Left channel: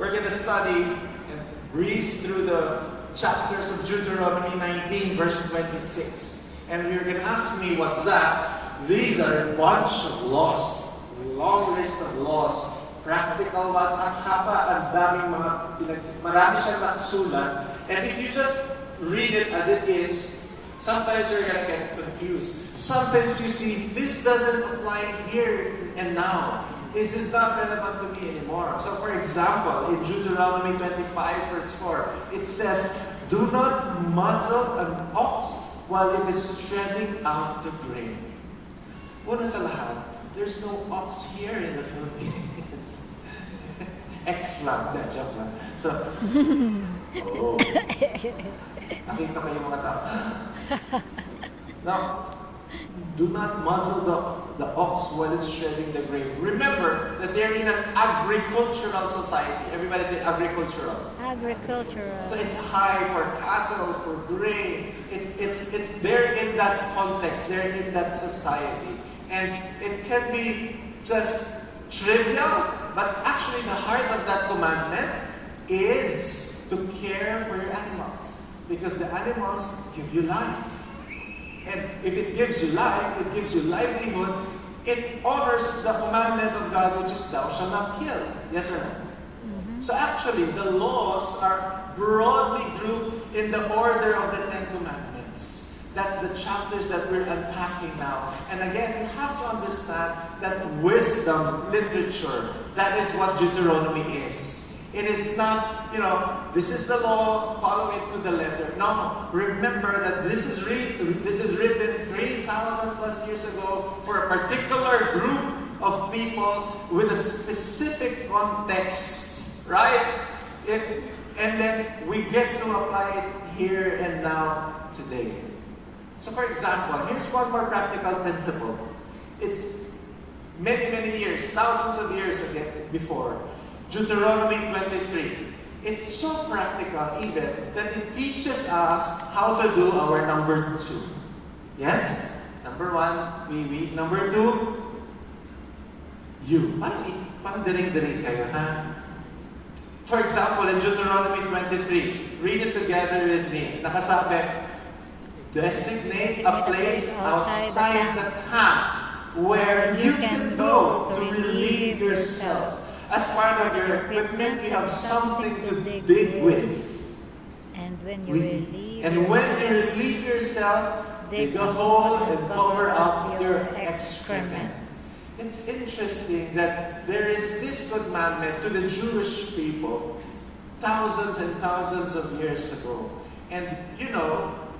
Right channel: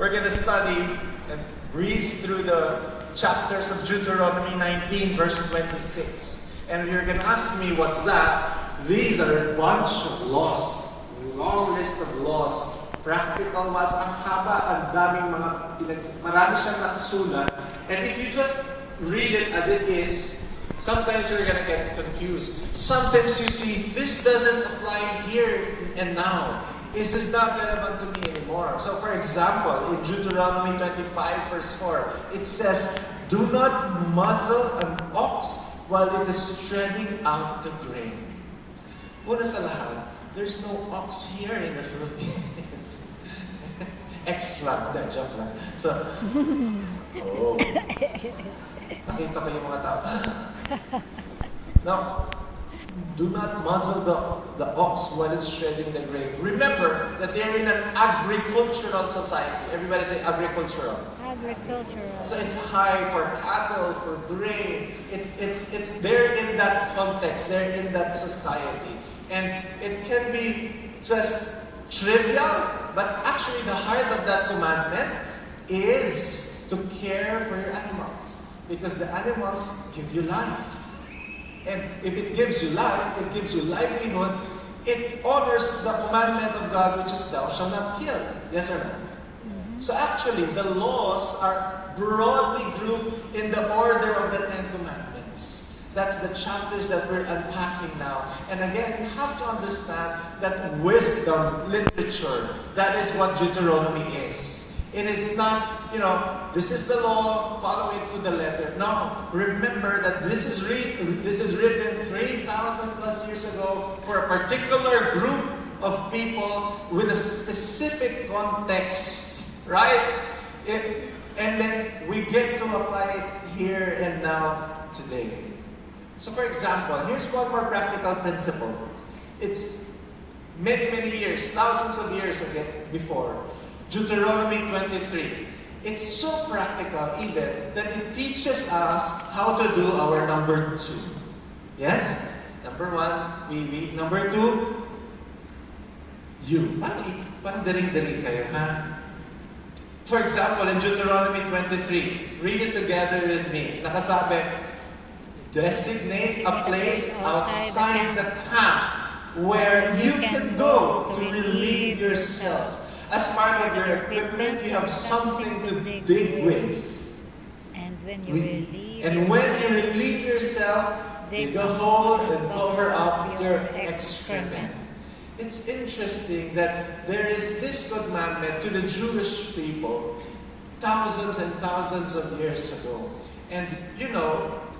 We're going to study and breeze through the chapters of Deuteronomy 19, verse 26. And you're going to ask me, what's that? These are a bunch of laws. Long list of laws. Practical laws. Ang haba, ang daming marami siyang nakasulat. And if you just read it as it is, sometimes you're going to get confused. Sometimes you see, this doesn't apply here and now. This is not relevant to me anymore. So for example, in Deuteronomy 25 verse 4, it says, do not muzzle an ox while it is treading out the grain. Una sa lahat, there's no ox here in the Philippines. Excerpt, joke lang. So, nakita ko yung mga tao. No. Do not muzzle the ox while it's shredding the grain. Remember that they're in an agricultural society. Everybody say agricultural. Agricultural. So it's high for cattle, for grain. It's they're in that context. They're in that society. And it can be just trivial, but actually the heart of that commandment is to care for your animals. Because the animals give you life. And if it gives you life, it gives you livelihood, it honors the commandment of God, which is thou shalt not kill. Yes or no? Mm-hmm. So actually, the laws are broadly grouped in the order of the Ten Commandments. That's the chapters that we're unpacking now. And again, you have to understand that wisdom literature, that is what Deuteronomy is. It is not, this is the law, follow it to the letter. No, remember that this is written 3,000 plus years ago for a particular group of people with a specific context, right? And then we get to apply it here and now today. So for example, here's one more practical principle. It's many, many years, thousands of years before. Deuteronomy 23. It's so practical even that it teaches us how to do our number 2. Yes? Number 1, we. Number 2, you. Parang diring-diring kayo, ha? For example, in Deuteronomy 23, read it together with me. Nakasabi, designate a place outside the camp where you can go to relieve yourself. As part of your equipment, you have something to dig with. And when you relieve yourself, dig a hole and cover up your excrement. It's interesting that there is this commandment to the Jewish people thousands and thousands of years ago. And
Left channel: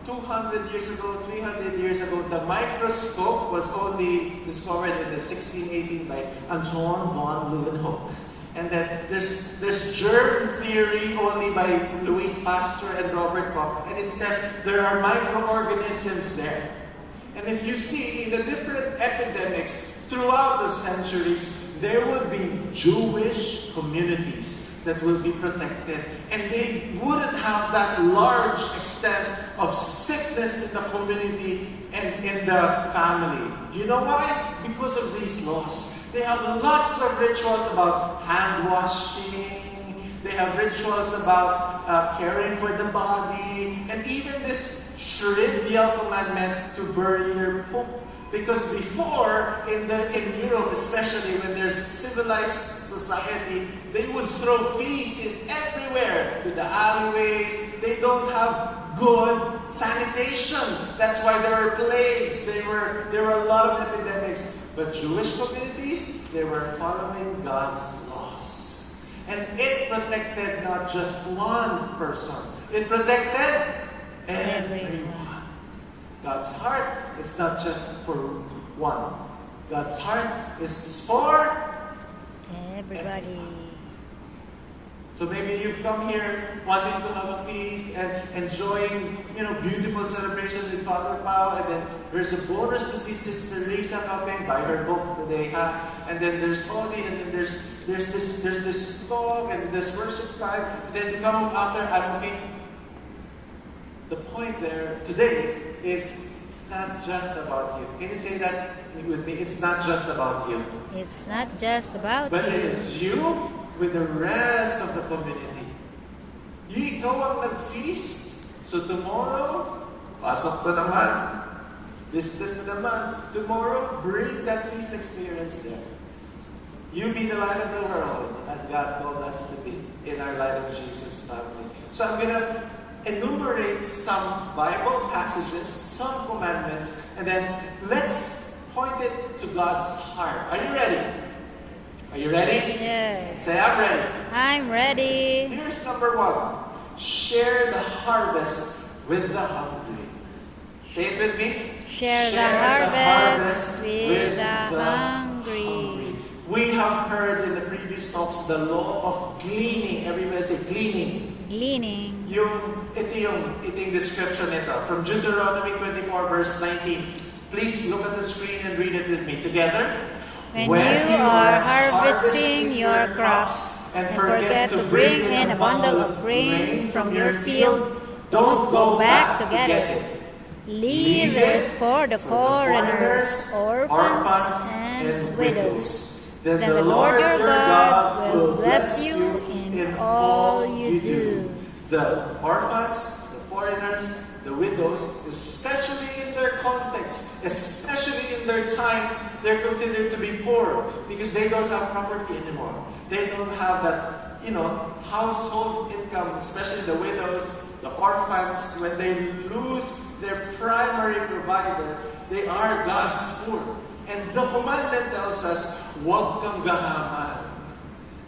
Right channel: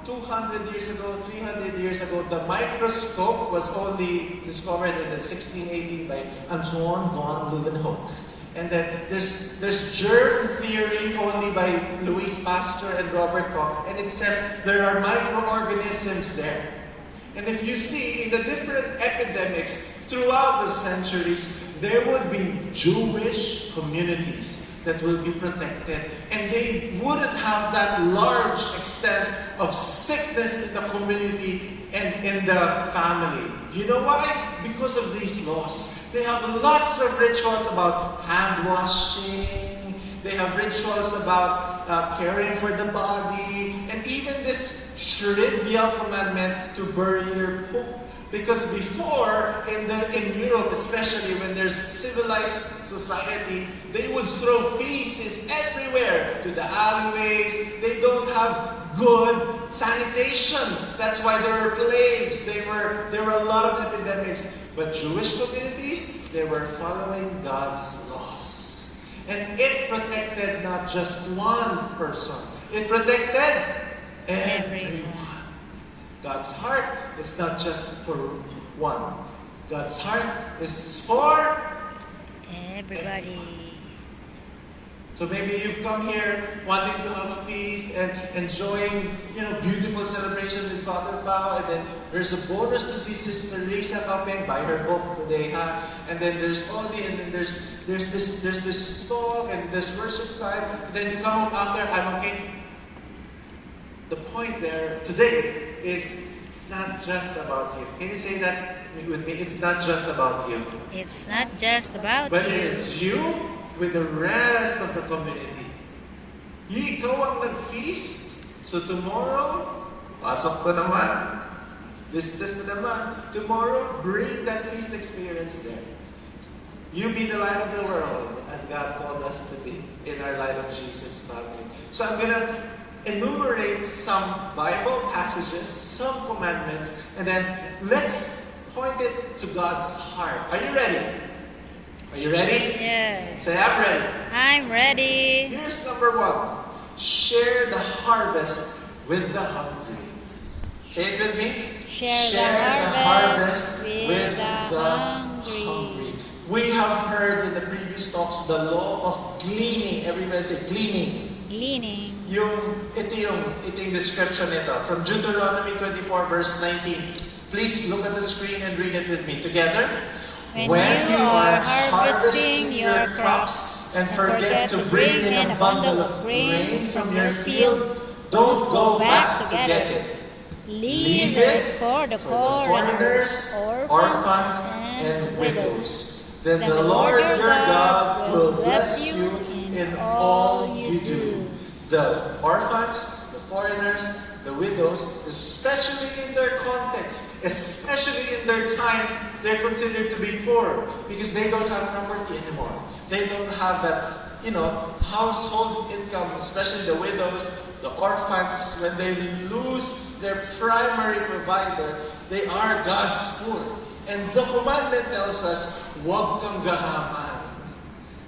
200 years ago, 300 years ago, the microscope was only discovered in the 1618 by Anton von Leeuwenhoek. And then there's germ theory only by Louis Pasteur and Robert Koch. And it says there are microorganisms there. And if you see in the different epidemics throughout the centuries, there would be Jewish communities that will be protected. And they wouldn't have that large extent of sickness in the community and in the family. You know why? Because of these laws. They have lots of rituals about hand washing. They have rituals about caring for the body. And even this trivial commandment to bury your poop. Because before, in Europe, especially when there's civilized society, they would throw feces everywhere to the alleyways. They don't have good sanitation. That's why there were plagues. There were a lot of epidemics. But Jewish communities, they were following God's laws. And it protected not just one person. It protected everyone. God's heart is not just for one. God's heart is for everybody. So maybe you've come here wanting to have a feast and enjoying, beautiful celebration with Father Pao, and then there's a bonus to see Sister Risa coming, buy her book today, ha? And then there's Odi, and then there's this talk, and there's worship time, and then you come up after, I'm okay. The point there today is it's not just about you. Can you say that with me? It's not just about you. It's not just about but you. But it is you with the rest of the community. Ikaw ang nag-feast, so tomorrow, pasok ko naman. This naman. Tomorrow, bring that feast experience there. You be the light of the world, as God called us to be in our Light of Jesus family. So I'm going to enumerate some Bible passages, some commandments, and then let's point it to God's heart. Are you ready? Are you ready? Yes. Say, I'm ready. I'm ready. Here's number 1. Share the harvest with the hungry. Say it with me. Share the harvest with the hungry. We have heard in the previous talks the law of gleaning. Everybody say gleaning. Gleaning. Ito yung description nito. From Deuteronomy 24 verse 19. Please look at the screen and read it with me. Together. When you are harvesting your crops and forget to bring in a bundle of grain from your field, don't go back to get it. Leave it for the foreigners, orphans, and widows. Then the Lord your God will bless you in all you do. The orphans, the foreigners, the widows, especially in their context, especially in their time, they're considered to be poor because they don't have property anymore. They don't have that, household income, especially the widows, the orphans. When they lose their primary provider, they are God's poor. And the commandment tells us, huwag kang gahaman.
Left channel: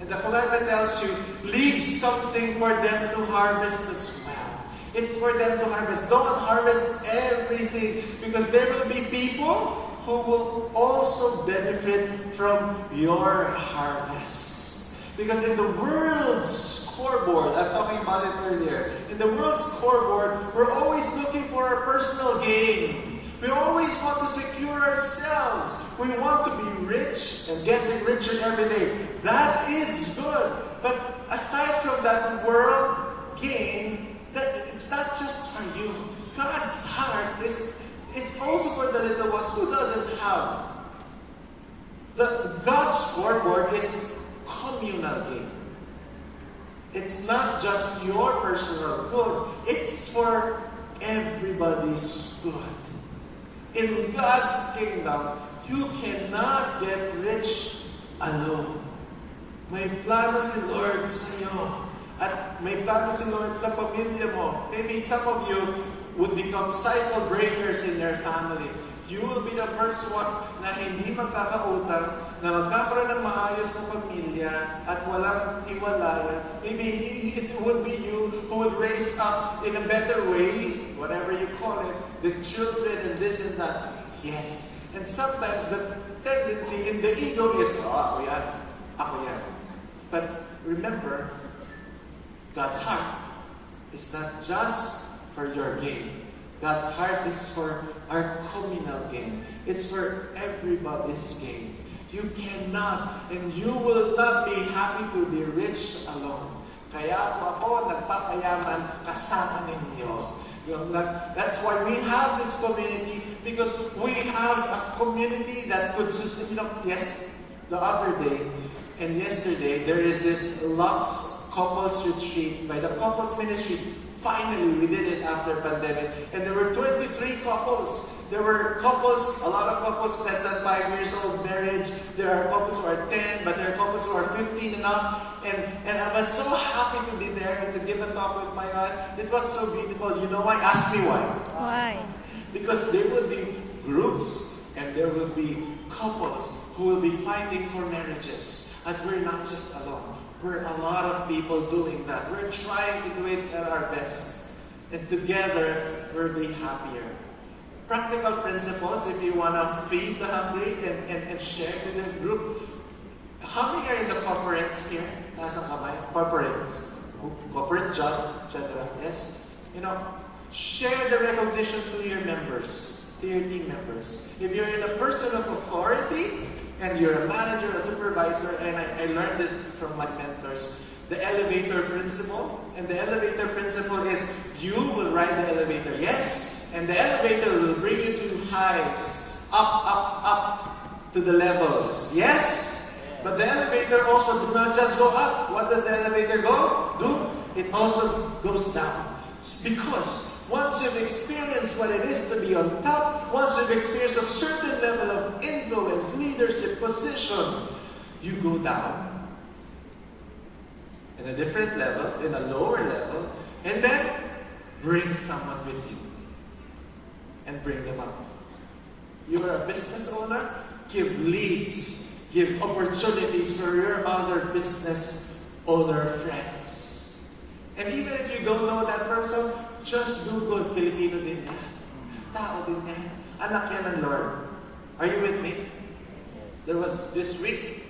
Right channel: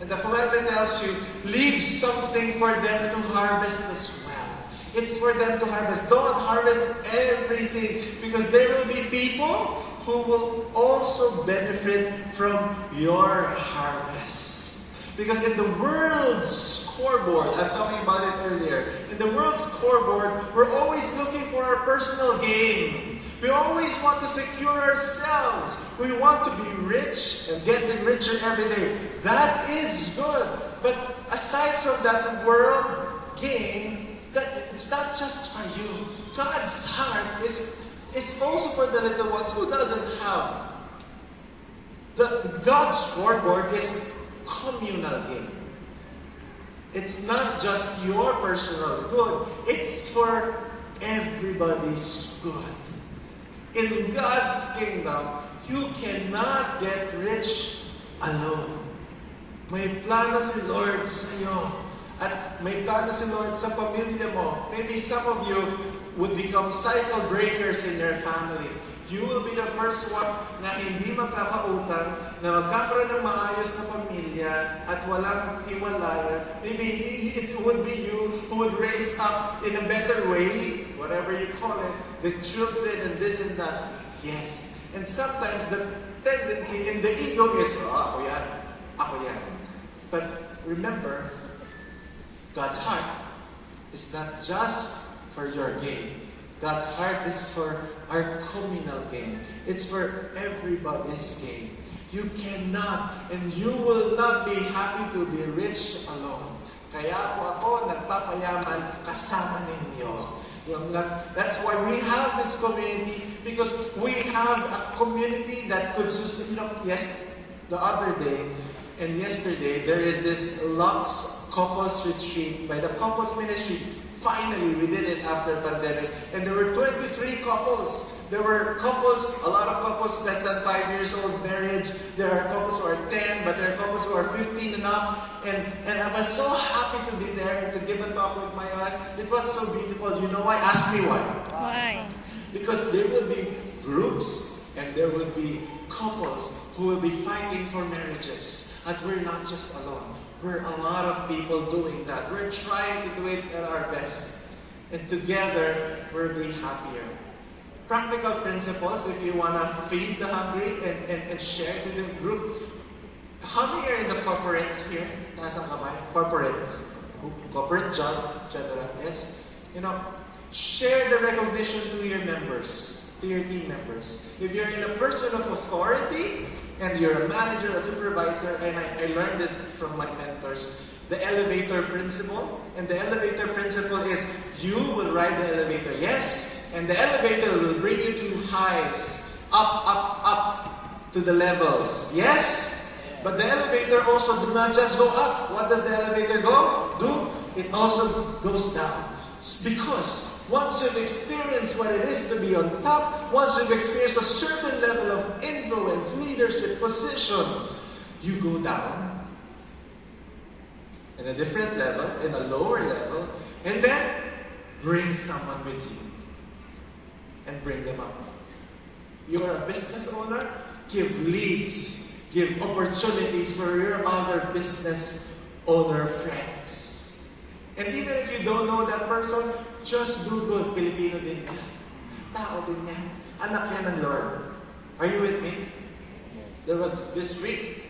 And the commandment tells you, leave something for them to harvest as well. It's for them to harvest. Don't harvest everything because there will be people who will also benefit from your harvest. Because in the world's scoreboard, I'm talking about it earlier, in the world's scoreboard, we're always looking for our personal gain. We always want to secure ourselves. We want to be rich and getting richer every day. That is good. But aside from that world gain, it's not just for you. God's heart it's also for the little ones who doesn't have. God's scoreboard is communal gain. It's not just your personal good. It's for everybody's good. In God's kingdom, you cannot get rich alone. May plano si Lord sa iyo. At may plano si Lord sa pamilya mo. Maybe some of you would become cycle breakers in your family. You will be the first one na hindi magkakautang, na magkakaroon ng maayos na pamilya at walang iwalayan. Maybe it would be you who would raise up in a better way, whatever you call it, the children and this and that. Yes. And sometimes the tendency in the ego is, ako yan. But remember, God's heart is not just for your gain. God's heart is for our communal gain. It's for everybody's gain. You cannot and you will not be happy to be rich alone. Kaya po ako nagpapayaman kasama ninyo. That's why we have this community, because we have a community that could sustain. Yes, the other day and yesterday there is this Lux Couples Retreat by the Couples Ministry. Finally, we did it after pandemic. And there were 23 couples. There were couples, a lot of couples less than 5 years old marriage. There are couples who are 10, but there are couples who are 15 and up. And I was so happy to be there and to give a talk with my aunt. It was so beautiful. You know why? Ask me why. Why? Because there will be groups and there will be couples who will be fighting for marriages. And we're not just alone. We're a lot of people doing that. We're trying to do it at our best. And together, we'll be happier. Practical principles, if you want to feed the hungry and share to the group. How many are in the corporates here? Nasaan kamay? Corporate job, etc. Yes? Share the recognition to your members, to your team members. If you're in a person of authority, and you're a manager, a supervisor, and I learned it from my mentors, the elevator principle. And the elevator principle is you will ride the elevator, yes, and the elevator will bring you to highs, up to the levels, yes? but the elevator also do not just go up. What does the elevator do? It also goes down. It's because once you've experienced what it is to be on top, once you've experienced a certain level of influence, leadership, position, you go down in a different level, in a lower level, and then bring someone with you and bring them up. You are a business owner, give leads, give opportunities for your other business owner friends. And even if you don't know that person, just do good. Pilipino din ka. Tao din yan. Anak yan ng Lord. Are you with me? There was this week,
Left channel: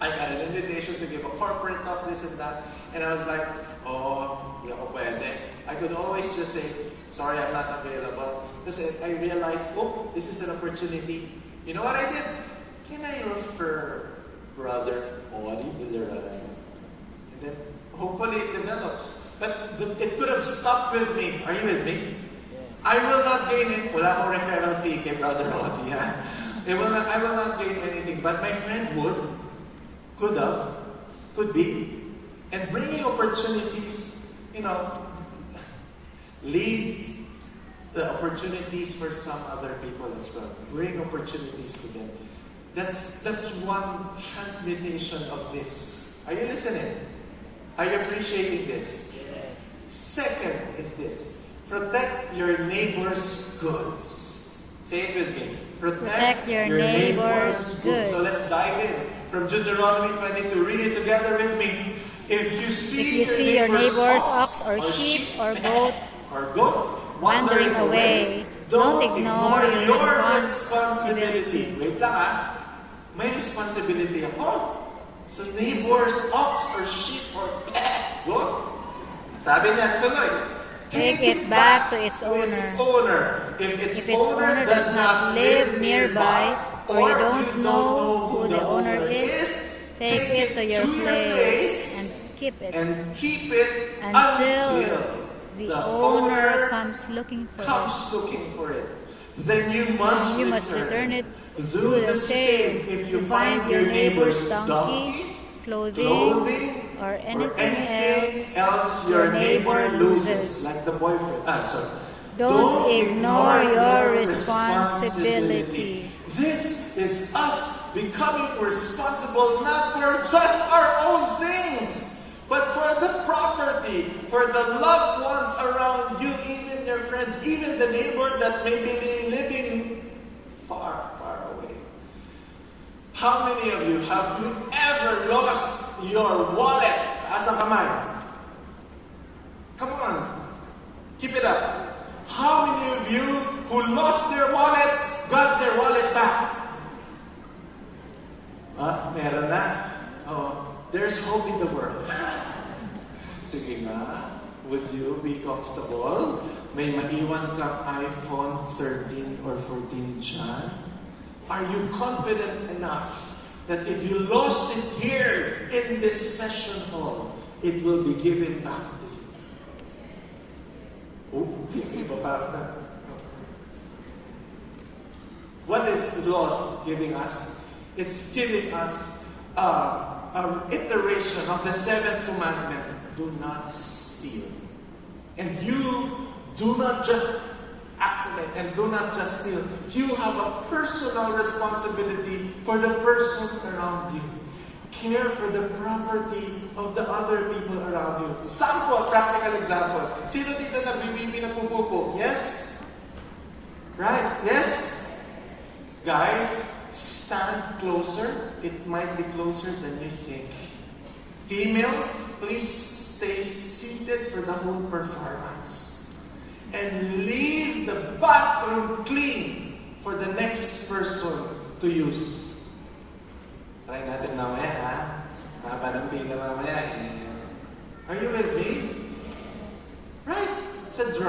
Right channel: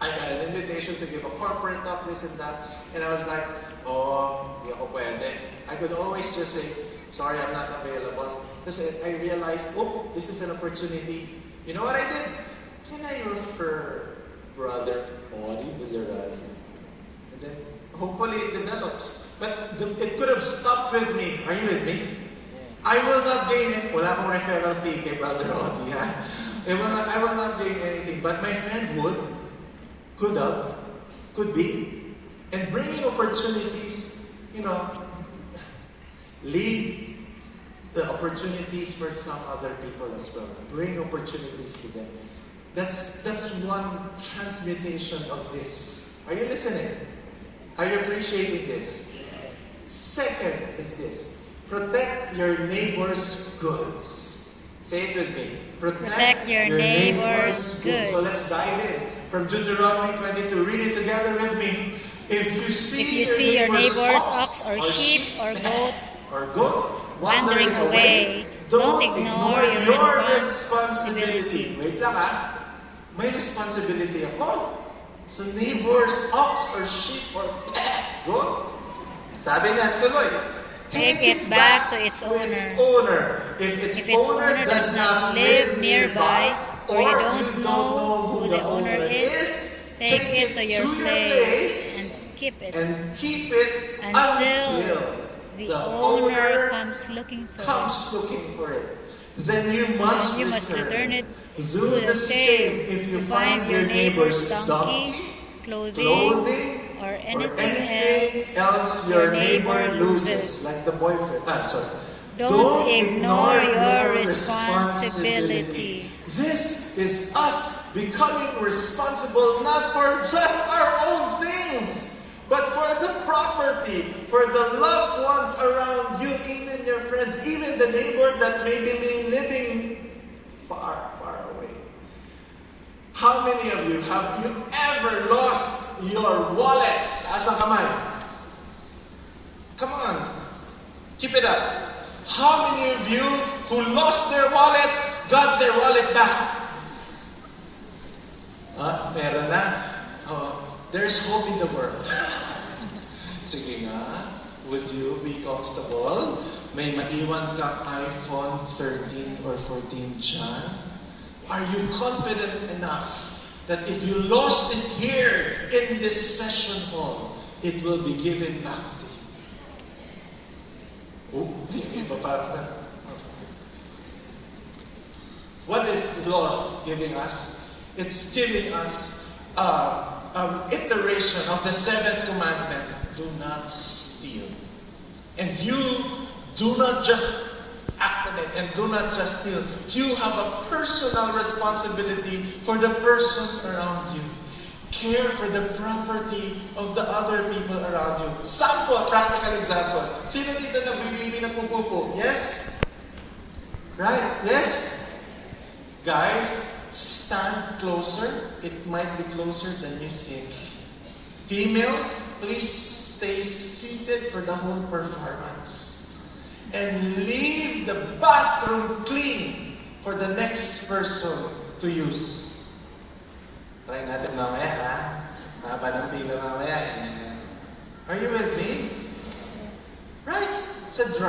I had an invitation to give a corporate talk, this and that. And I was like, di ako pwede. I could always just say, sorry, I'm not available. Because I realized, this is an opportunity. You know what I did? Can I refer Brother Audie Villarreal? And then, hopefully it develops. But it could have stopped with me. Are you with me? I will not gain it. Wala akong referral fee kay Brother Audie, ha? I will not gain anything. But my friend would, could have, could be. And bringing opportunities, leave the opportunities for some other people as well. Bring opportunities to them. That's one transmutation of this. Are you listening? Are you appreciating this? Yes. Second is this. Protect your neighbor's goods. Say it with me. Protect your neighbor's goods. So let's dive in. From Deuteronomy 22. Read it together with me. If you see your neighbor's ox or sheep or goat wandering away, don't ignore your responsibility. Wait lang ha. May responsibility ako sa neighbor's ox or sheep or goat. Sabi niya, tuloy. Take it back to its owner. If its owner does not live nearby, or you don't know who the owner is, take it to your place and keep it until the owner comes looking for it. Then you must return it. Do the same if you find your neighbor's donkey, clothing, or anything else your neighbor loses. Like the boyfriend. Don't ignore your responsibility. This is us becoming responsible not for just our own things, but for the property, for the loved ones around you, even your friends, even the neighbor that may be living far, far away. How many of you have you ever lost your wallet? Taas ang kamay. Come on. Keep it up. How many of you who lost their wallets got their wallet back? Meron na. There's hope in the world. Sige nga, would you be comfortable? May maiwan kang iPhone 13 or 14 dyan? Are you confident enough that if you lost it here in this session hall, it will be given back to you? What is the law giving us? It's giving us an iteration of the seventh commandment: do not steal. And you do not just activate and do not just steal. You have a personal responsibility for the persons around you. Care for the property of the other people around you. Sample, practical examples. Sino dito nagbibibi ng pupupo? Yes? Right? Yes? Guys, stand closer. It might be closer than you think. Females, please stay seated for the whole performance. And leave the bathroom clean for the next person to use. Try natin mamaya, ha? Haba ng pila mamaya. Are you with me? Right? Sa dry